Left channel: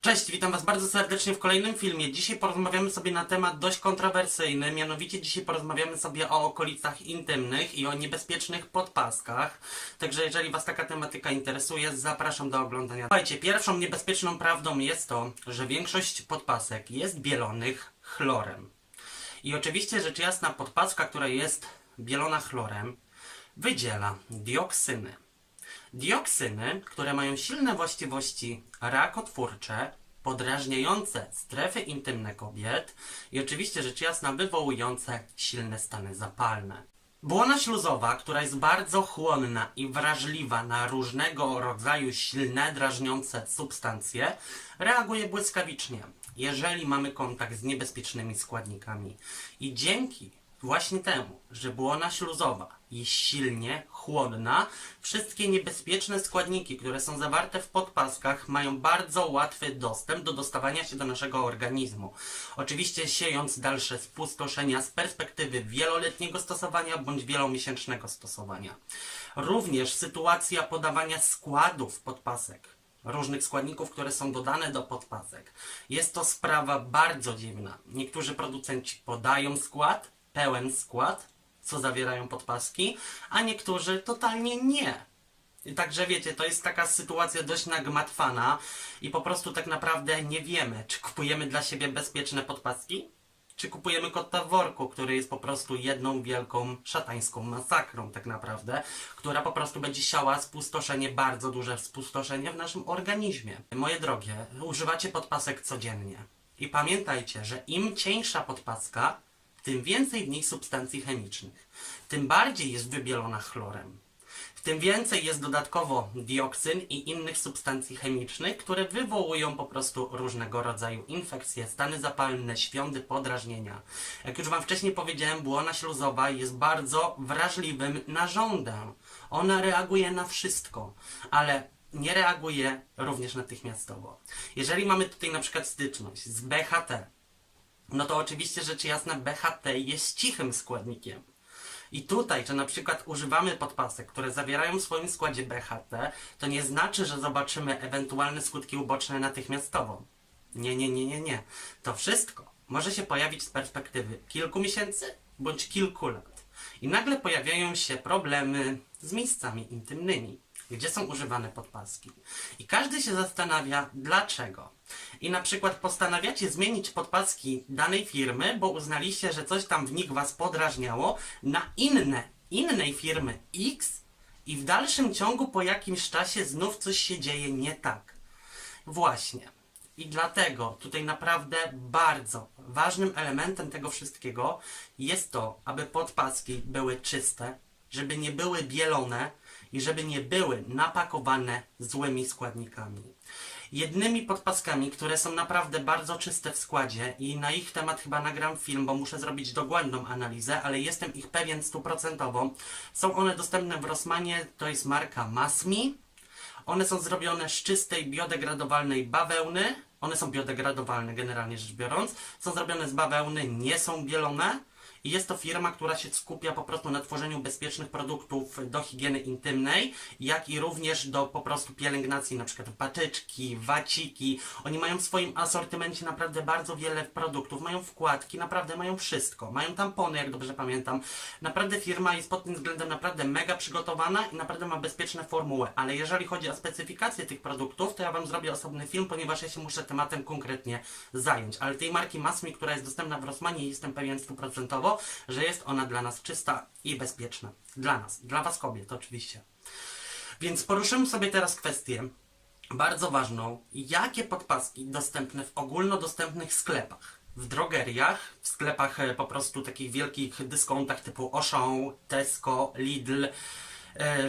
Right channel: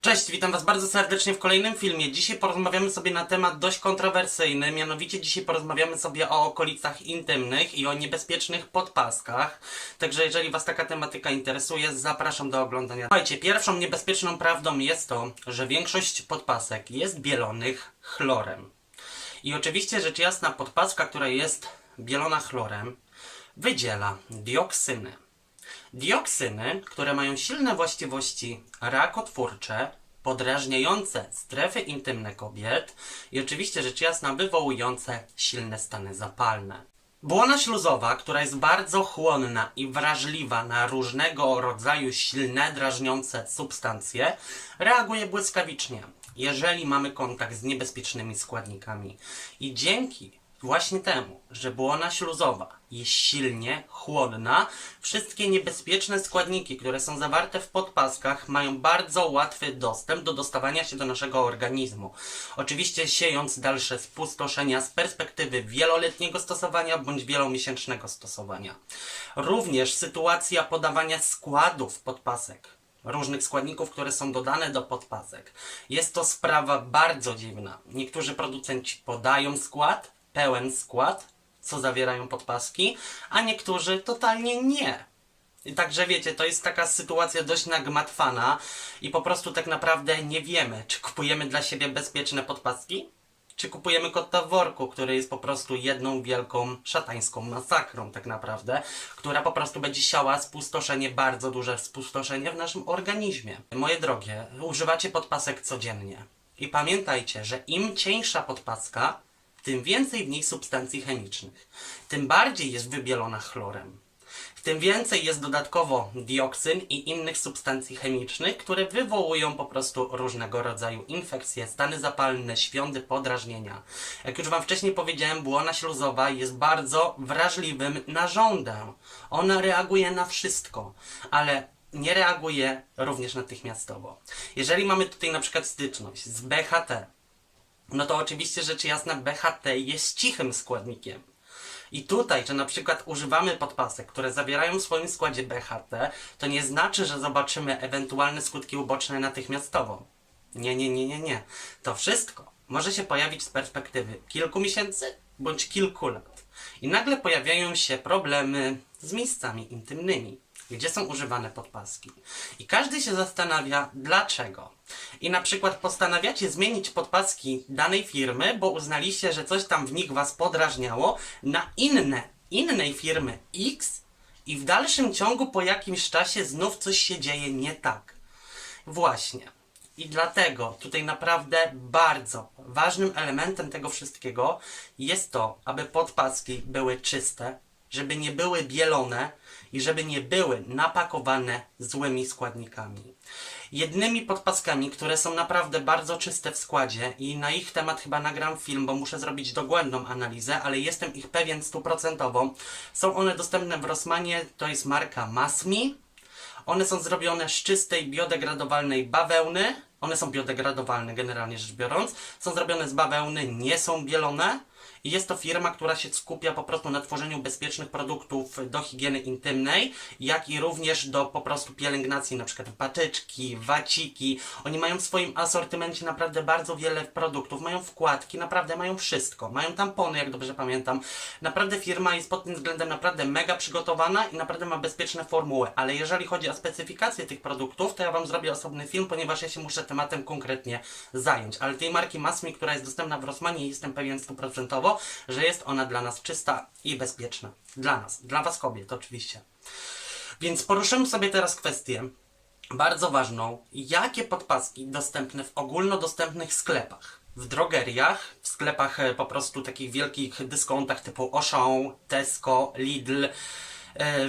Cześć, witam Was bardzo serdecznie w kolejnym filmie. Dzisiaj porozmawiamy sobie na temat dość kontrowersyjny, mianowicie dzisiaj porozmawiamy sobie o okolicach intymnych i o niebezpiecznych podpaskach. Także jeżeli Was taka tematyka interesuje, zapraszam do oglądania. Słuchajcie, pierwszą niebezpieczną prawdą jest to, że większość podpasek jest bielonych chlorem. I oczywiście rzecz jasna podpaska, która jest bielona chlorem, wydziela dioksyny. Dioksyny, które mają silne właściwości rakotwórcze, podrażniające strefy intymne kobiet i oczywiście rzecz jasna wywołujące silne stany zapalne. Błona śluzowa, która jest bardzo chłonna i wrażliwa na różnego rodzaju silne, drażniące substancje, reaguje błyskawicznie, jeżeli mamy kontakt z niebezpiecznymi składnikami. I dzięki Właśnie temu, że błona śluzowa jest silnie chłodna, wszystkie niebezpieczne składniki, które są zawarte w podpaskach, mają bardzo łatwy dostęp do dostawania się do naszego organizmu. Oczywiście siejąc dalsze spustoszenia z perspektywy wieloletniego stosowania bądź wielomiesięcznego stosowania. Również sytuacja podawania składów podpasek różnych składników, które są dodane do podpasek. Jest to sprawa bardzo dziwna. Niektórzy producenci podają skład, pełen skład, co zawierają podpaski, a niektórzy totalnie nie. Także wiecie, to jest taka sytuacja dość nagmatwana i po prostu tak naprawdę nie wiemy, czy kupujemy dla siebie bezpieczne podpaski, czy kupujemy kota w worku, który jest po prostu jedną wielką szatańską masakrą tak naprawdę, która po prostu będzie siała spustoszenie, bardzo duże spustoszenie w naszym organizmie. Moje drogie, używacie podpasek codziennie. I pamiętajcie, że im cieńsza podpaska, tym więcej w niej substancji chemicznych, tym bardziej jest wybielona chlorem. Tym więcej jest dodatkowo dioksyn i innych substancji chemicznych, które wywołują po prostu różnego rodzaju infekcje, stany zapalne, świądy, podrażnienia. Jak już Wam wcześniej powiedziałem, błona śluzowa jest bardzo wrażliwym narządem. Ona reaguje na wszystko, ale nie reaguje również natychmiastowo. Jeżeli mamy tutaj na przykład styczność z BHT, no to oczywiście rzecz jasna BHT jest cichym składnikiem. I tutaj, że na przykład używamy podpasek, które zawierają w swoim składzie BHT, to nie znaczy, że zobaczymy ewentualne skutki uboczne natychmiastowo. Nie, nie, nie, nie, nie. To wszystko może się pojawić z perspektywy kilku miesięcy bądź kilku lat. I nagle pojawiają się problemy z miejscami intymnymi, gdzie są używane podpaski. I każdy się zastanawia, dlaczego. I na przykład postanawiacie zmienić podpaski danej firmy, bo uznaliście, że coś tam w nich was podrażniało, na inne, innej firmy X i w dalszym ciągu po jakimś czasie znów coś się dzieje nie tak. Właśnie. I dlatego tutaj naprawdę bardzo ważnym elementem tego wszystkiego jest to, aby podpaski były czyste, żeby nie były bielone i żeby nie były napakowane złymi składnikami. Jednymi podpaskami, które są naprawdę bardzo czyste w składzie i na ich temat chyba nagram film, bo muszę zrobić dogłębną analizę, ale jestem ich pewien stuprocentowo. Są one dostępne w Rossmanie, to jest marka Masmi. One są zrobione z czystej, biodegradowalnej bawełny. One są biodegradowalne generalnie rzecz biorąc. Są zrobione z bawełny, nie są bielone. Jest to firma, która się skupia po prostu na tworzeniu bezpiecznych produktów do higieny intymnej, jak i również do po prostu pielęgnacji, na przykład patyczki, waciki. Oni mają w swoim asortymencie naprawdę bardzo wiele produktów, mają wkładki, naprawdę mają wszystko. Mają tampony, jak dobrze pamiętam. Naprawdę firma jest pod tym względem naprawdę mega przygotowana i naprawdę ma bezpieczne formuły. Ale jeżeli chodzi o specyfikację tych produktów, to ja Wam zrobię osobny film, ponieważ ja się muszę tematem konkretnie zająć. Ale tej marki Masmi, która jest dostępna w Rossmanie, jestem pewien stuprocentowo, że jest ona dla nas czysta i bezpieczna. Dla nas, dla Was kobiet oczywiście. Więc poruszymy sobie teraz kwestię bardzo ważną. Jakie podpaski dostępne w ogólnodostępnych sklepach? W drogeriach, w sklepach e, po prostu takich wielkich dyskontach typu Auchan, Tesco, Lidl,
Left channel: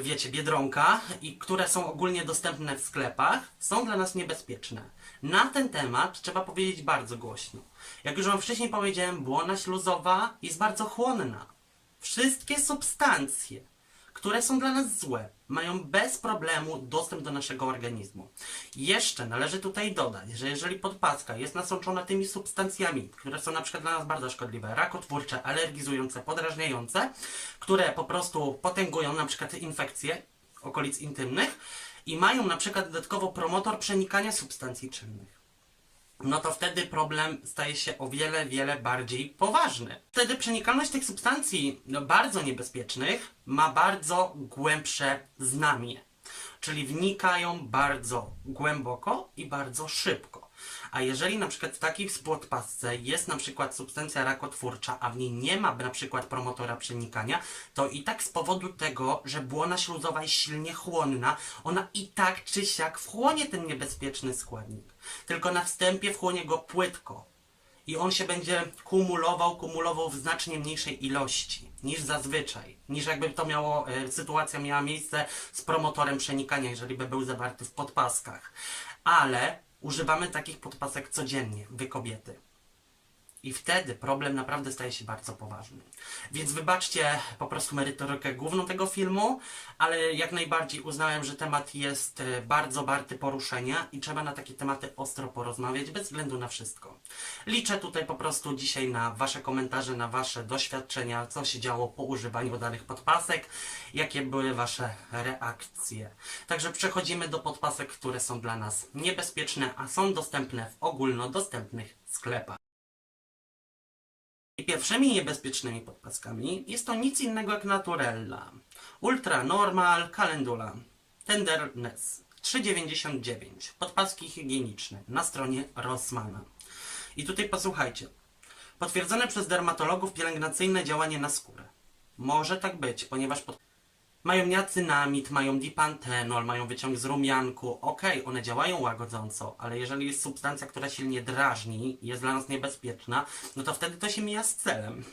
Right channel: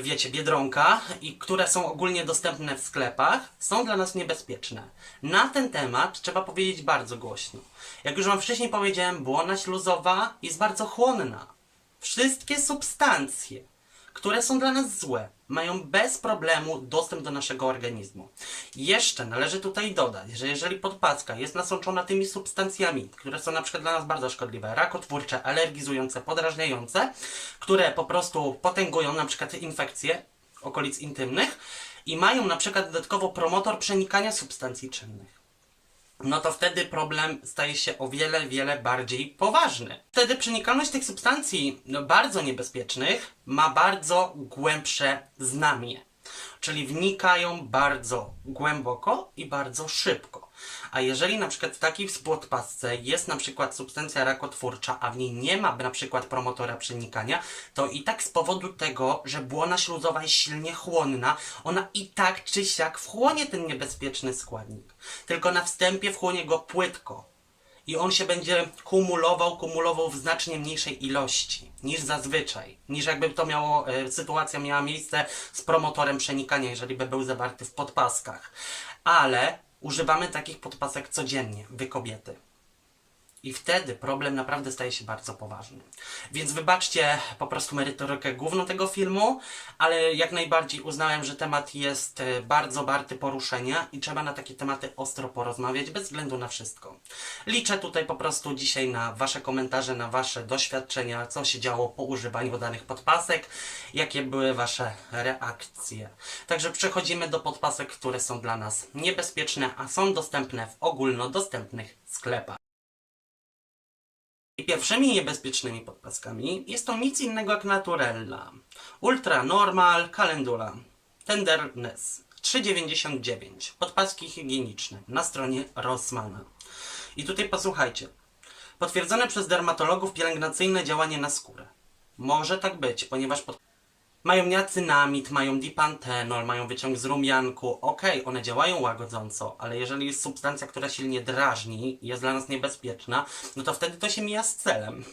wiecie, Biedronka, i które są ogólnie dostępne w sklepach, są dla nas niebezpieczne. Na ten temat trzeba powiedzieć bardzo głośno. Jak już Wam wcześniej powiedziałem, błona śluzowa jest bardzo chłonna. Wszystkie substancje, które są dla nas złe, mają bez problemu dostęp do naszego organizmu. Jeszcze należy tutaj dodać, że jeżeli podpaska jest nasączona tymi substancjami, które są na przykład dla nas bardzo szkodliwe, rakotwórcze, alergizujące, podrażniające, które po prostu potęgują na przykład infekcje okolic intymnych i mają na przykład dodatkowo promotor przenikania substancji czynnych no to wtedy problem staje się o wiele, wiele bardziej poważny. Wtedy przenikalność tych substancji no, bardzo niebezpiecznych ma bardzo głębsze znamie. Czyli wnikają bardzo głęboko i bardzo szybko. A jeżeli na przykład w takiej podpasce jest na przykład substancja rakotwórcza, a w niej nie ma na przykład promotora przenikania, to i tak z powodu tego, że błona śluzowa jest silnie chłonna, ona i tak czy siak wchłonie ten niebezpieczny składnik. Tylko na wstępie wchłonie go płytko. I on się będzie kumulował, kumulował w znacznie mniejszej ilości niż zazwyczaj. Niż jakby to miało, e, sytuacja miała miejsce z promotorem przenikania, jeżeli by był zawarty w podpaskach. Ale używamy takich podpasek codziennie, wy kobiety. I wtedy problem naprawdę staje się bardzo poważny. Więc wybaczcie po prostu merytorykę główną tego filmu, ale jak najbardziej uznałem, że temat jest e, bardzo warty poruszenia i trzeba na takie tematy ostro porozmawiać, bez względu na wszystko. Liczę tutaj po prostu dzisiaj na Wasze komentarze, na Wasze doświadczenia, co się działo po używaniu danych podpasek, jakie były Wasze reakcje. Także przechodzimy do podpasek, które są dla nas niebezpieczne, a są dostępne w ogólnodostępnych sklepach. I pierwszymi niebezpiecznymi podpaskami jest to nic innego jak Naturella, Ultra Normal, Calendula, Tenderness 3,99. Podpaski higieniczne na stronie Rossmana. I tutaj posłuchajcie. Potwierdzone przez dermatologów pielęgnacyjne działanie na skórę. Może tak być, ponieważ pod... mają niacynamid, mają dipantenol, mają wyciąg z rumianku. Okej, one działają łagodząco, ale jeżeli jest substancja, która silnie drażni i jest dla nas niebezpieczna, no to wtedy to się mija z celem.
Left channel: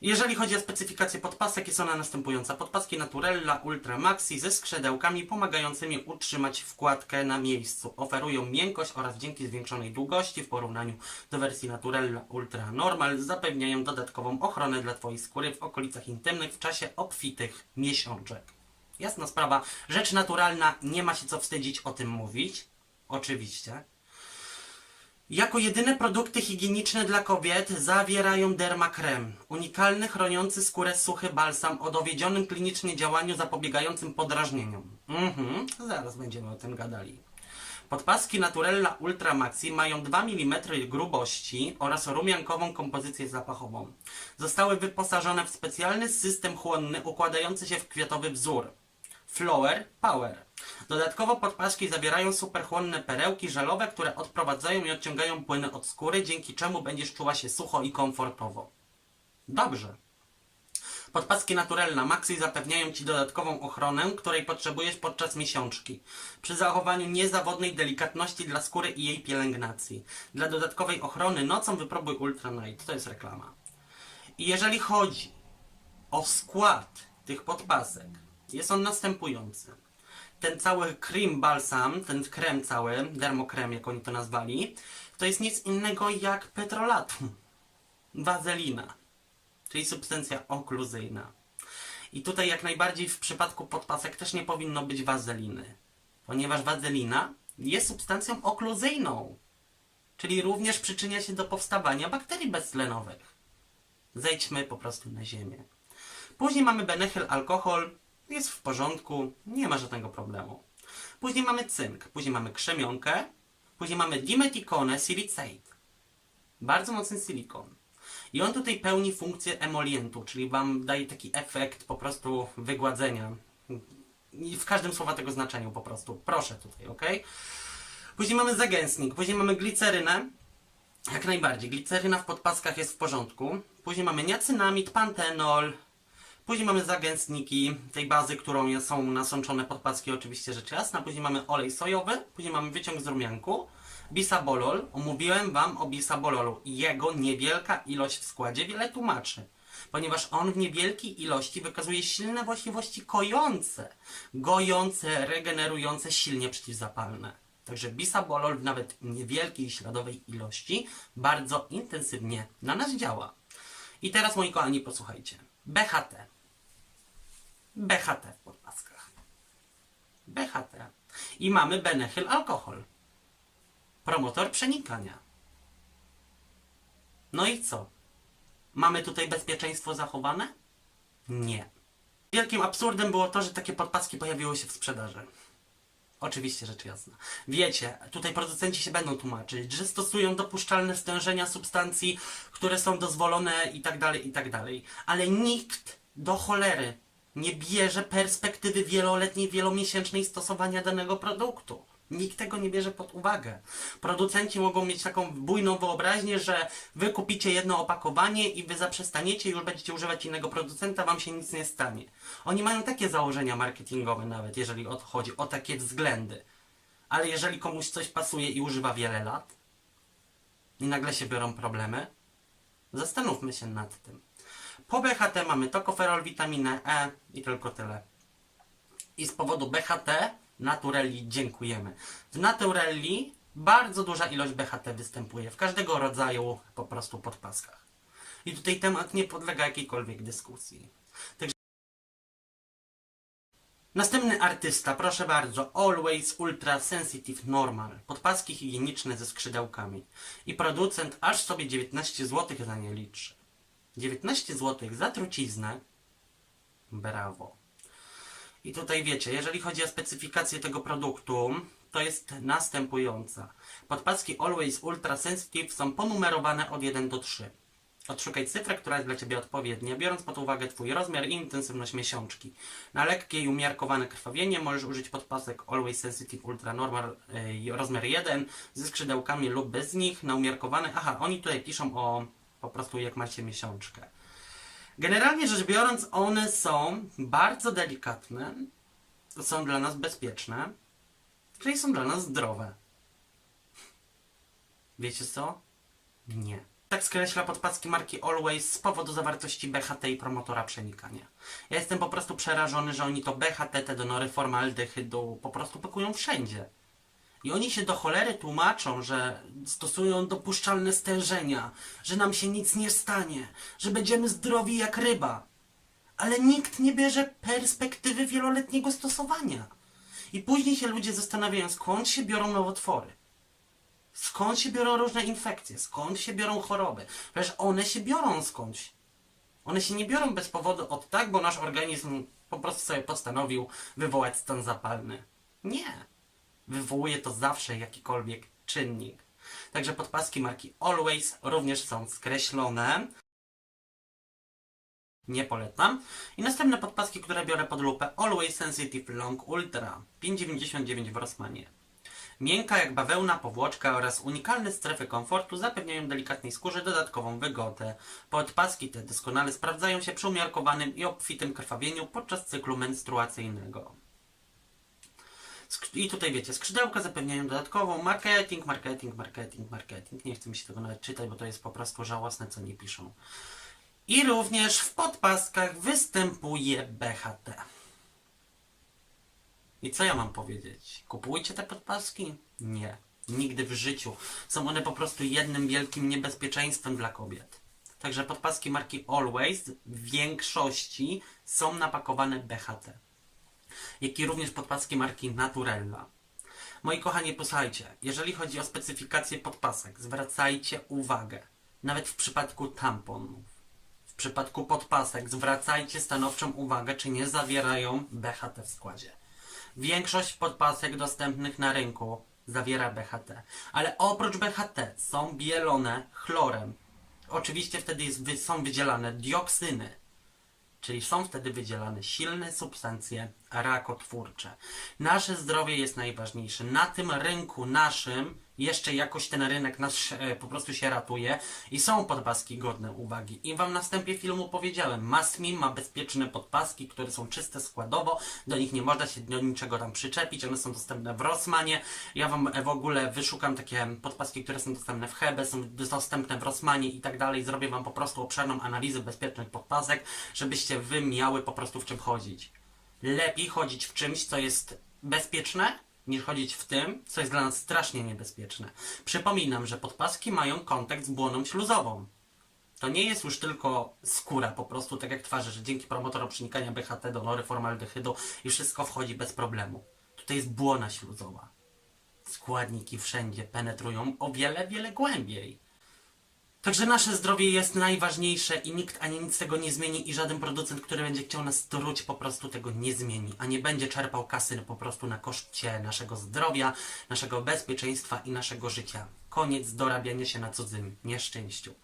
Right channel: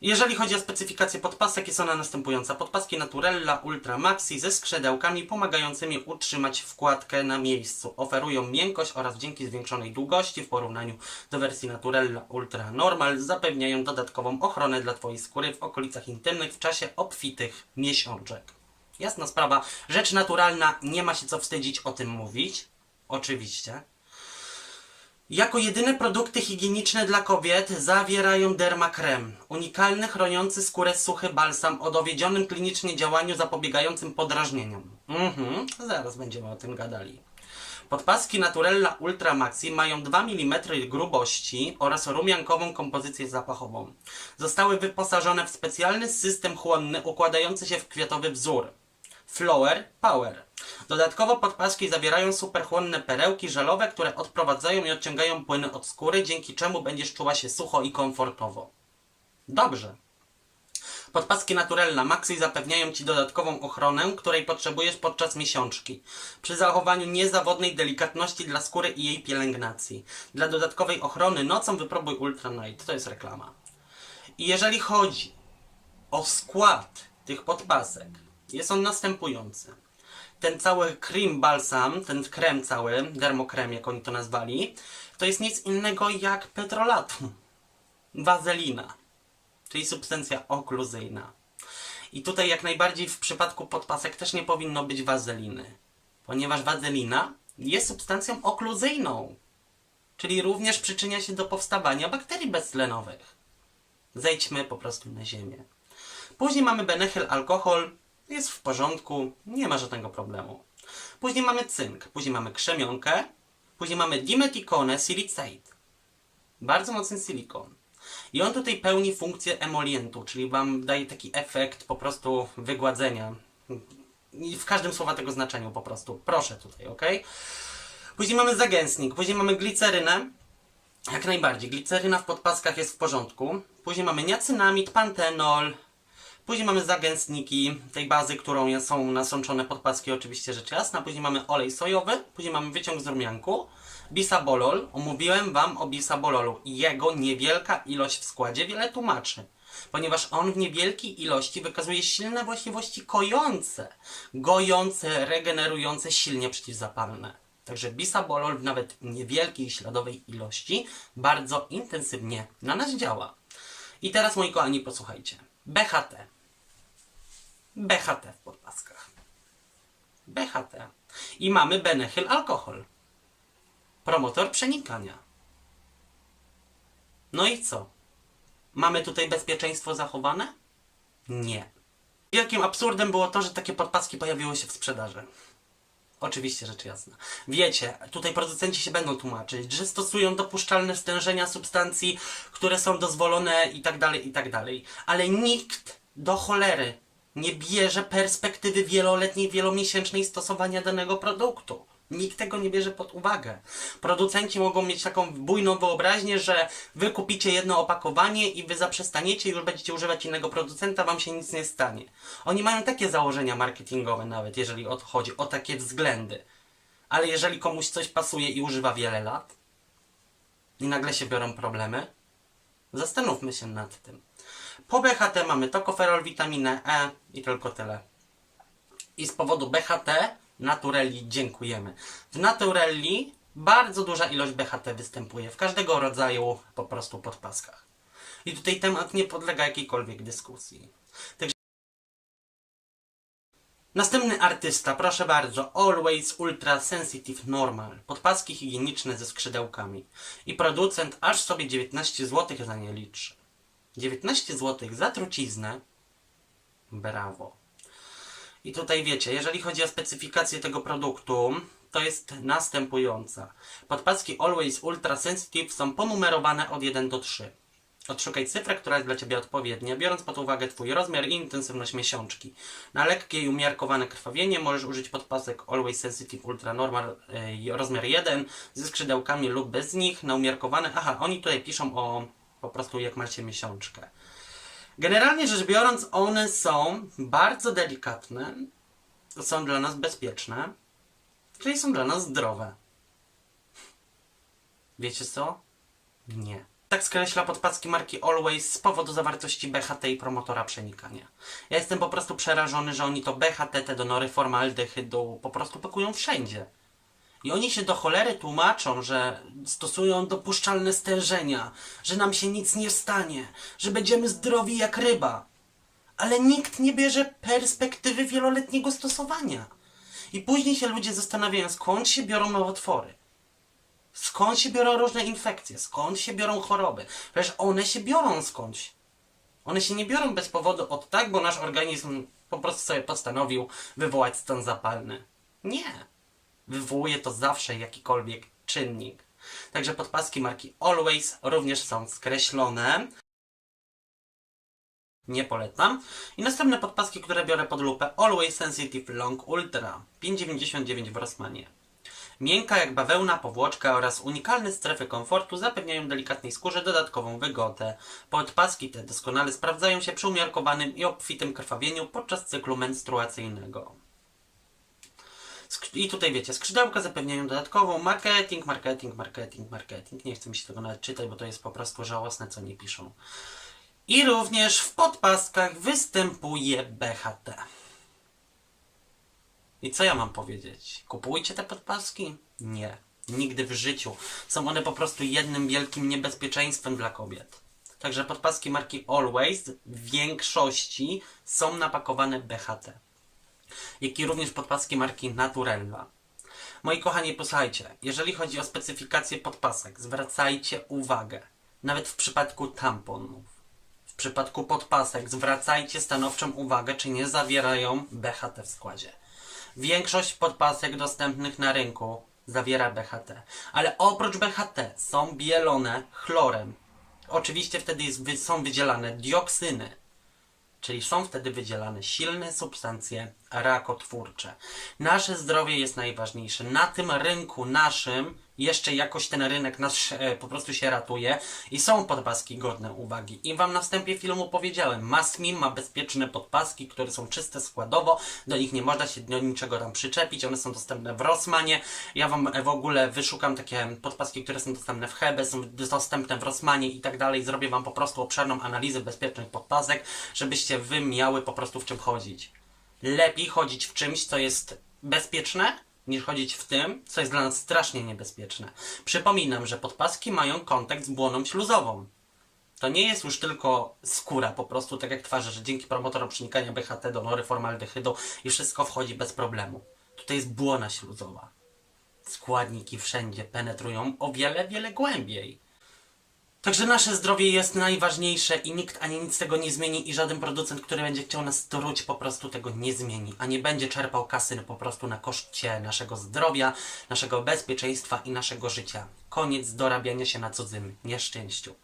Jeżeli chodzi o specyfikację podpasek, jest ona następująca. Podpaski Naturella Ultra Maxi ze skrzydełkami pomagającymi utrzymać wkładkę na miejscu. Oferują miękkość oraz dzięki zwiększonej długości w porównaniu do wersji Naturella Ultra Normal zapewniają dodatkową ochronę dla Twojej skóry w okolicach intymnych w czasie obfitych miesiączek. Jasna sprawa, rzecz naturalna, nie ma się co wstydzić o tym mówić. Oczywiście. Jako jedyne produkty higieniczne dla kobiet zawierają dermakrem, unikalny chroniący skórę suchy balsam o dowiedzionym klinicznie działaniu zapobiegającym podrażnieniom. Mhm, zaraz będziemy o tym gadali. Podpaski Naturella Ultra Maxi mają 2 mm grubości oraz rumiankową kompozycję zapachową. Zostały wyposażone w specjalny system chłonny układający się w kwiatowy wzór. Flower Power. Dodatkowo podpaski zawierają superchłonne perełki żelowe, które odprowadzają i odciągają płyny od skóry, dzięki czemu będziesz czuła się sucho i komfortowo. Dobrze. Podpaski Naturella Maxi zapewniają Ci dodatkową ochronę, której potrzebujesz podczas miesiączki, przy zachowaniu niezawodnej delikatności dla skóry i jej pielęgnacji. Dla dodatkowej ochrony nocą wypróbuj Ultra Night. To jest reklama. I jeżeli chodzi o skład tych podpasek, jest on następujący. Ten cały cream balsam, ten krem cały, dermokrem jak oni to nazwali, to jest nic innego jak petrolatum. Wazelina, czyli substancja okluzyjna. I tutaj jak najbardziej w przypadku podpasek też nie powinno być wazeliny, ponieważ wazelina jest substancją okluzyjną, czyli również przyczynia się do powstawania bakterii beztlenowych. Zejdźmy po prostu na ziemię. Później mamy benehyl alkohol, jest w porządku, nie ma żadnego problemu. Później mamy cynk, później mamy krzemionkę, później mamy dimeticonę silicate. Bardzo mocny silikon. I on tutaj pełni funkcję emolientu, czyli wam daje taki efekt po prostu wygładzenia. W każdym słowa tego znaczeniu po prostu. Proszę tutaj, ok? Później mamy zagęstnik, później mamy glicerynę. Jak najbardziej. Gliceryna w podpaskach jest w porządku. Później mamy niacynamid, pantenol, Później mamy zagęstniki tej bazy, którą są nasączone podpaski, oczywiście rzecz jasna. Później mamy olej sojowy, później mamy wyciąg z rumianku. Bisabolol. Omówiłem Wam o bisabololu. Jego niewielka ilość w składzie wiele tłumaczy. Ponieważ on w niewielkiej ilości wykazuje silne właściwości kojące, gojące, regenerujące, silnie przeciwzapalne. Także bisabolol w nawet niewielkiej śladowej ilości bardzo intensywnie na nas działa. I teraz moi kochani posłuchajcie. BHT. BHT w podpaskach. BHT. I mamy Benechyl alkohol. Promotor przenikania. No i co? Mamy tutaj bezpieczeństwo zachowane? Nie. Wielkim absurdem było to, że takie podpaski pojawiły się w sprzedaży. Oczywiście, rzecz jasna. Wiecie, tutaj producenci się będą tłumaczyć, że stosują dopuszczalne stężenia substancji, które są dozwolone i tak dalej, i tak dalej. Ale nikt do cholery nie bierze perspektywy wieloletniej, wielomiesięcznej stosowania danego produktu. Nikt tego nie bierze pod uwagę. Producenci mogą mieć taką bujną wyobraźnię, że wy kupicie jedno opakowanie i wy zaprzestaniecie już będziecie używać innego producenta, wam się nic nie stanie. Oni mają takie założenia marketingowe nawet, jeżeli chodzi, o takie względy. Ale jeżeli komuś coś pasuje i używa wiele lat i nagle się biorą problemy, zastanówmy się nad tym. Po BHT mamy tokoferol, witaminę E i tylko tyle. I z powodu BHT Naturelli dziękujemy. W Naturelli bardzo duża ilość BHT występuje w każdego rodzaju po prostu podpaskach. I tutaj temat nie podlega jakiejkolwiek dyskusji. Także Następny artysta, proszę bardzo, Always Ultra Sensitive Normal. Podpaski higieniczne ze skrzydełkami. I producent aż sobie 19 zł za nie liczy. 19 zł za truciznę. Brawo. I tutaj wiecie, jeżeli chodzi o specyfikację tego produktu, to jest następująca. Podpaski Always Ultra Sensitive są ponumerowane od 1 do 3. Odszukaj cyfrę, która jest dla Ciebie odpowiednia, biorąc pod uwagę Twój rozmiar i intensywność miesiączki. Na lekkie i umiarkowane krwawienie możesz użyć podpasek Always Sensitive Ultra Normal yy, rozmiar 1 ze skrzydełkami lub bez nich. Na umiarkowane, aha, oni tutaj piszą o po prostu jak macie miesiączkę. Generalnie rzecz biorąc, one są bardzo delikatne, są dla nas bezpieczne, czyli są dla nas zdrowe. Wiecie co? Nie. Tak skreśla podpaski marki Always z powodu zawartości BHT i promotora przenikania. Ja jestem po prostu przerażony, że oni to BHT, te donory formaldehydu po prostu pakują wszędzie. I oni się do cholery tłumaczą, że stosują dopuszczalne stężenia, że nam się nic nie stanie, że będziemy zdrowi jak ryba. Ale nikt nie bierze perspektywy wieloletniego stosowania. I później się ludzie zastanawiają, skąd się biorą nowotwory. Skąd się biorą różne infekcje? Skąd się biorą choroby? Przecież one się biorą skądś. One się nie biorą bez powodu od tak, bo nasz organizm po prostu sobie postanowił wywołać stan zapalny. Nie. Wywołuje to zawsze jakikolwiek czynnik. Także podpaski marki Always również są skreślone. Nie polecam. I następne podpaski, które biorę pod lupę Always Sensitive Long Ultra 5,99 w Rossmanie. Miękka jak bawełna powłoczka oraz unikalne strefy komfortu zapewniają delikatnej skórze dodatkową wygodę. Podpaski te doskonale sprawdzają się przy umiarkowanym i obfitym krwawieniu podczas cyklu menstruacyjnego. I tutaj wiecie, skrzydełka zapewniają dodatkową marketing, marketing, marketing, marketing. Nie chcę mi się tego nawet czytać, bo to jest po prostu żałosne, co nie piszą. I również w podpaskach występuje BHT. I co ja mam powiedzieć? Kupujcie te podpaski? Nie. Nigdy w życiu. Są one po prostu jednym wielkim niebezpieczeństwem dla kobiet. Także podpaski marki Always w większości są napakowane BHT. Jak i również podpaski marki Naturella. Moi kochani, posłuchajcie, jeżeli chodzi o specyfikację podpasek, zwracajcie uwagę. Nawet w przypadku tamponów. W przypadku podpasek zwracajcie stanowczą uwagę, czy nie zawierają BHT w składzie. Większość podpasek dostępnych na rynku zawiera BHT, ale oprócz BHT są bielone chlorem. Oczywiście wtedy jest, są wydzielane dioksyny, czyli są wtedy wydzielane silne substancje rakotwórcze. Nasze zdrowie jest najważniejsze. Na tym rynku naszym jeszcze jakoś ten rynek nasz e, po prostu się ratuje i są podpaski godne uwagi. I wam na wstępie filmu powiedziałem, Masmin ma bezpieczne podpaski, które są czyste składowo, do nich nie można się do niczego tam przyczepić, one są dostępne w Rossmanie. Ja wam e, w ogóle wyszukam takie podpaski, które są dostępne w Hebe, są dostępne w Rossmanie i tak dalej. Zrobię wam po prostu obszerną analizę bezpiecznych podpasek, żebyście wy miały po prostu w czym chodzić. Lepiej chodzić w czymś, co jest bezpieczne, niż chodzić w tym, co jest dla nas strasznie niebezpieczne. Przypominam, że podpaski mają kontakt z błoną śluzową. To nie jest już tylko skóra, po prostu tak jak twarzy, że dzięki promotorom przenikania BHT do nory formaldehydu i wszystko wchodzi bez problemu. Tutaj jest błona śluzowa. Składniki wszędzie penetrują o wiele, wiele głębiej. Także nasze zdrowie jest najważniejsze i nikt ani nic tego nie zmieni i żaden producent, który będzie chciał nas truć po prostu tego nie zmieni, a nie będzie czerpał kasy po prostu na koszcie naszego zdrowia, naszego bezpieczeństwa i naszego życia. Koniec dorabiania się na cudzym nieszczęściu.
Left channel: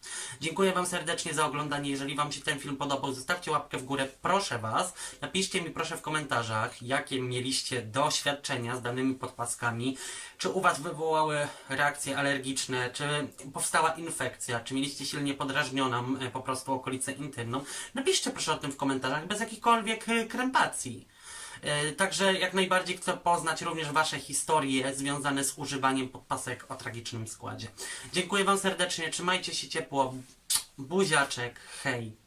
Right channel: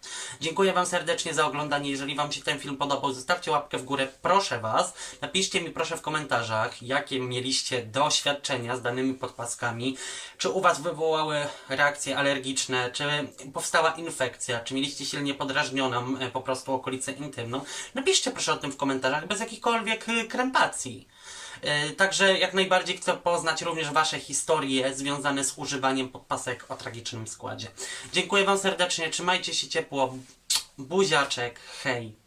Dziękuję Wam serdecznie za oglądanie. Jeżeli Wam się ten film podobał, zostawcie łapkę w górę, proszę Was. Napiszcie mi proszę w komentarzach, jakie mieliście doświadczenia z danymi podpaskami. Czy u Was wywołały reakcje alergiczne, czy powstała infekcja, czy mieliście silnie podrażnioną e, po prostu okolicę intymną. Napiszcie proszę o tym w komentarzach, bez jakichkolwiek e, krępacji. E, Także jak najbardziej chcę poznać również Wasze historie związane z używaniem podpasek o tragicznym składzie. Dziękuję Wam serdecznie, trzymajcie się ciepło. Buziaczek, hej.